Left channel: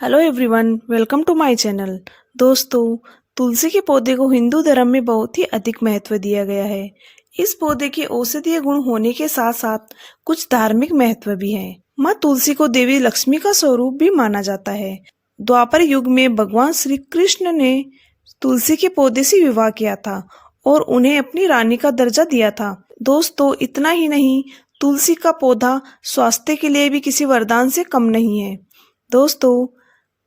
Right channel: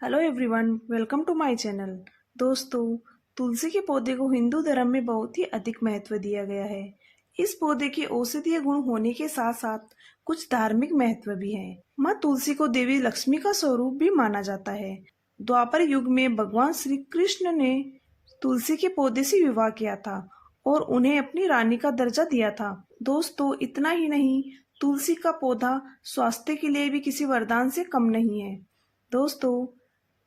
Hello everyone, welcome to my channel. दोस्तों, तुलसी के पौधे को हिंदू धर्म में बहुत ही अधिक महत्व दिया गया है। इस पौधे के औषधीय गुण होने के साथ साथ कुछ धार्मिक महत्व भी है। माँ तुलसी को देवी लक्ष्मी का स्वरूप भी माना जाता है। द्वापर युग में भगवान श्री कृष्ण ने तुलसी के पौधे से विवाह किया था और उन्हें अपनी रानी का दर्जा दिया था। दोस्तों, इतना ही नहीं, तुलसी का पौधा स्वास्थ्य के लिए भी किसी वरदान से कम नहीं है। दोस्तों,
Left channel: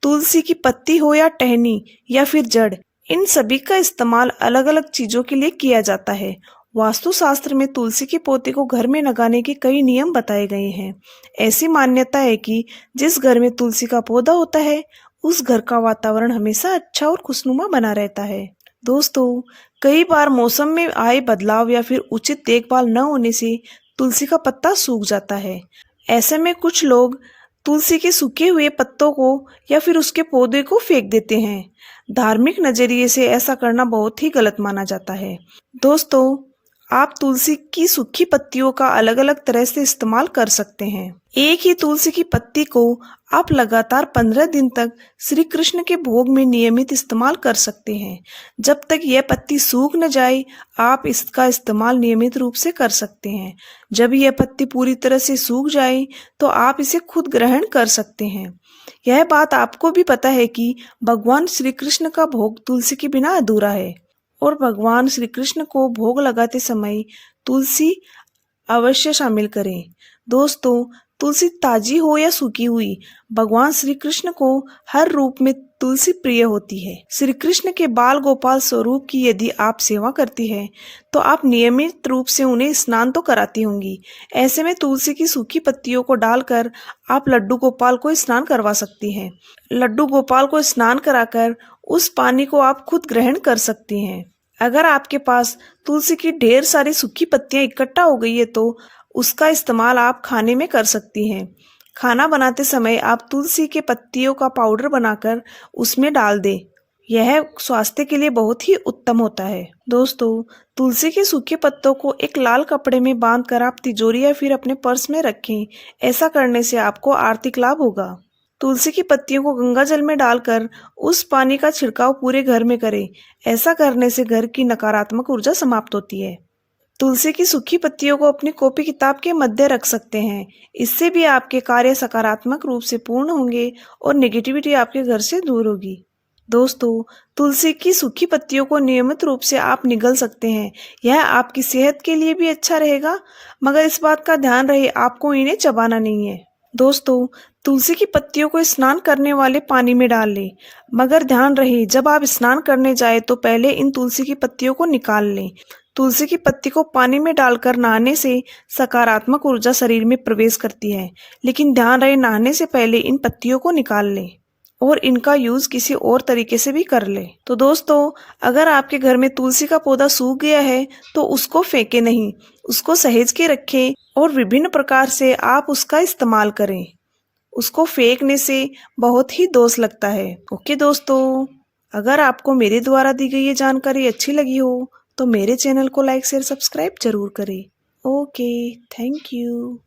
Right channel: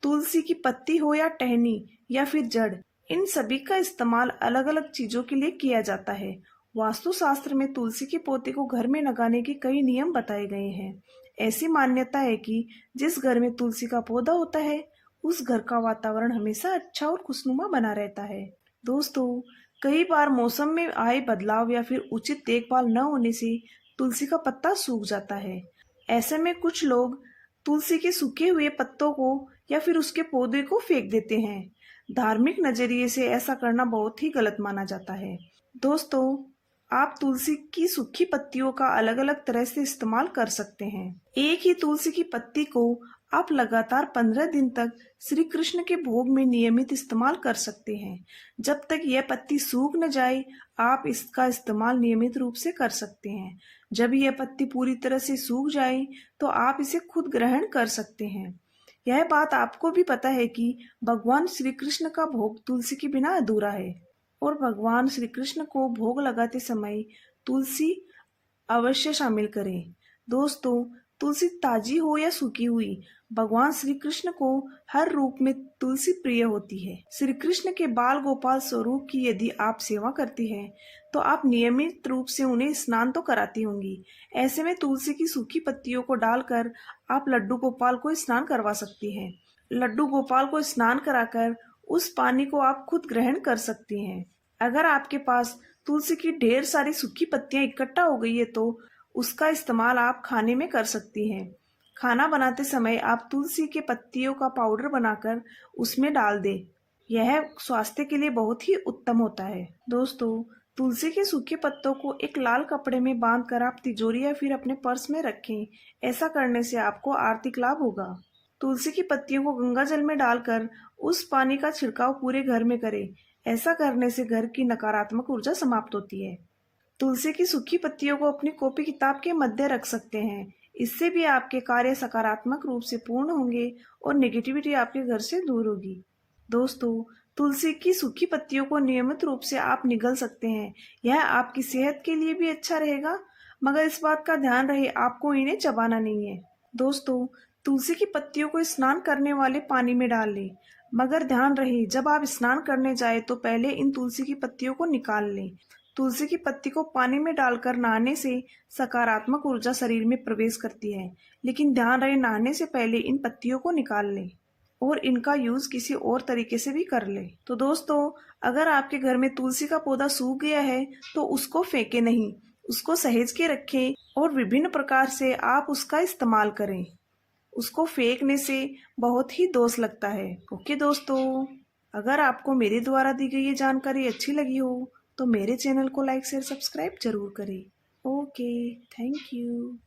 तुलसी की पत्ती हो या टहनी या फिर जड़, इन सभी का इस्तेमाल अलग अलग चीजों के लिए किया जाता है। वास्तुशास्त्र में तुलसी के पौधे को घर में लगाने के कई नियम बताए गए हैं। ऐसी मान्यता है कि जिस घर में तुलसी का पौधा होता है, उस घर का वातावरण हमेशा अच्छा और खुशनुमा बना रहता है। दोस्तों, कई बार मौसम में आए बदलाव या फिर उचित देखभाल न होने से तुलसी का पत्ता सूख जाता है। ऐसे में कुछ लोग तुलसी के सूखे हुए पत्तों को या फिर उसके पौधे को फेंक देते हैं। धार्मिक नजरिए से ऐसा करना बहुत ही गलत माना जाता है। दोस्तों, आप तुलसी की सूखी पत्तियों का अलग अलग तरह से इस्तेमाल कर सकते हैं। एक ही तुलसी की पत्ती को आप लगातार 15 दिन तक श्री कृष्ण के भोग में नियमित इस्तेमाल कर सकते हैं। जब तक यह पत्ती सूख न जाए, आप इसका इस्तेमाल नियमित रूप से कर सकते हैं। जब यह पत्ती पूरी तरह से सूख जाए, तो आप इसे खुद ग्रहण कर सकते हैं। यह बात आपको भी पता है कि भगवान श्री कृष्ण का भोग तुलसी के बिना अधूरा है और भगवान श्री कृष्ण को भोग लगाते समय तुलसी अवश्य शामिल करें। दोस्तों, तुलसी ताजी हो या सूखी हुई, भगवान श्री कृष्ण को हर रूप में तुलसी प्रिय होती है। श्री कृष्ण के बाल गोपाल स्वरूप की यदि आप सेवा करती है, तो आप नियमित रूप से उन्हें स्नान तो कराती होंगी। ऐसे में तुलसी की सूखी पत्तियों को डालकर आप लड्डू गोपाल को स्नान करवा सकती हैं। लड्डू गोपाल को स्नान कराकर उस पानी को आप खुद ग्रहण कर सकती हैं। अगर आपके पास तुलसी की ढेर सारी सूखी पत्तियां इकट्ठा हो गई है, तो उसका इस्तेमाल आप खाने में कर सकती हैं। खाना बनाते समय आप तुलसी के पत्तियों का पाउडर बनाकर उसमें डाल दें। यह स्वास्थ्य के लिए बहुत ही उत्तम होता है। दोस्तों, तुलसी के सूखे पत्तों को एक लाल कपड़े में बांधकर आप तिजोरी या फिर अपने पर्स में रखें। ऐसा करने से आपको आर्थिक लाभ होगा। तुलसी की पत्तियों को गंगा जल में डालकर उस पानी का छिड़काव पूरे घर में करें। ऐसा करने से घर की नकारात्मक ऊर्जा समाप्त होती है। तुलसी की सूखी पत्तियों को अपनी कॉपी किताब के मध्य रख सकते हैं। इससे भी आपके कार्य सकारात्मक रूप से पूर्ण होंगे और नेगेटिविटी आपके घर से दूर होगी। दोस्तों, तुलसी की सूखी पत्तियों को नियमित रूप से आप निगल सकते हैं। यह आपकी सेहत के लिए भी अच्छा रहेगा, मगर इस बात का ध्यान रहे आपको इन्हें चबाना नहीं है। दोस्तों, तुलसी की पत्तियों को स्नान करने वाले पानी में डाल लें, मगर ध्यान रहे जब आप स्नान करने जाए तो पहले इन तुलसी की पत्तियों को निकाल लें। तुलसी की पत्ती को पानी में डालकर नहाने से सकारात्मक ऊर्जा शरीर में प्रवेश करती है, लेकिन ध्यान रहे नहाने से पहले इन पत्तियों को निकाल लें और इनका यूज किसी और तरीके से भी कर ले। तो दोस्तों, अगर आपके घर में तुलसी का पौधा सूख गया है, तो उसको फेंके नहीं, उसको सहेज के रखें और विभिन्न प्रकार से आप उसका इस्तेमाल करें। उसको फेंकने से बहुत ही दोष लगता है। ओके दोस्तों, अगर आपको मेरे द्वारा दी गई ये जानकारी अच्छी लगी हो, तो मेरे चैनल को लाइक शेयर सब्सक्राइब जरूर करें। Okay, thank you.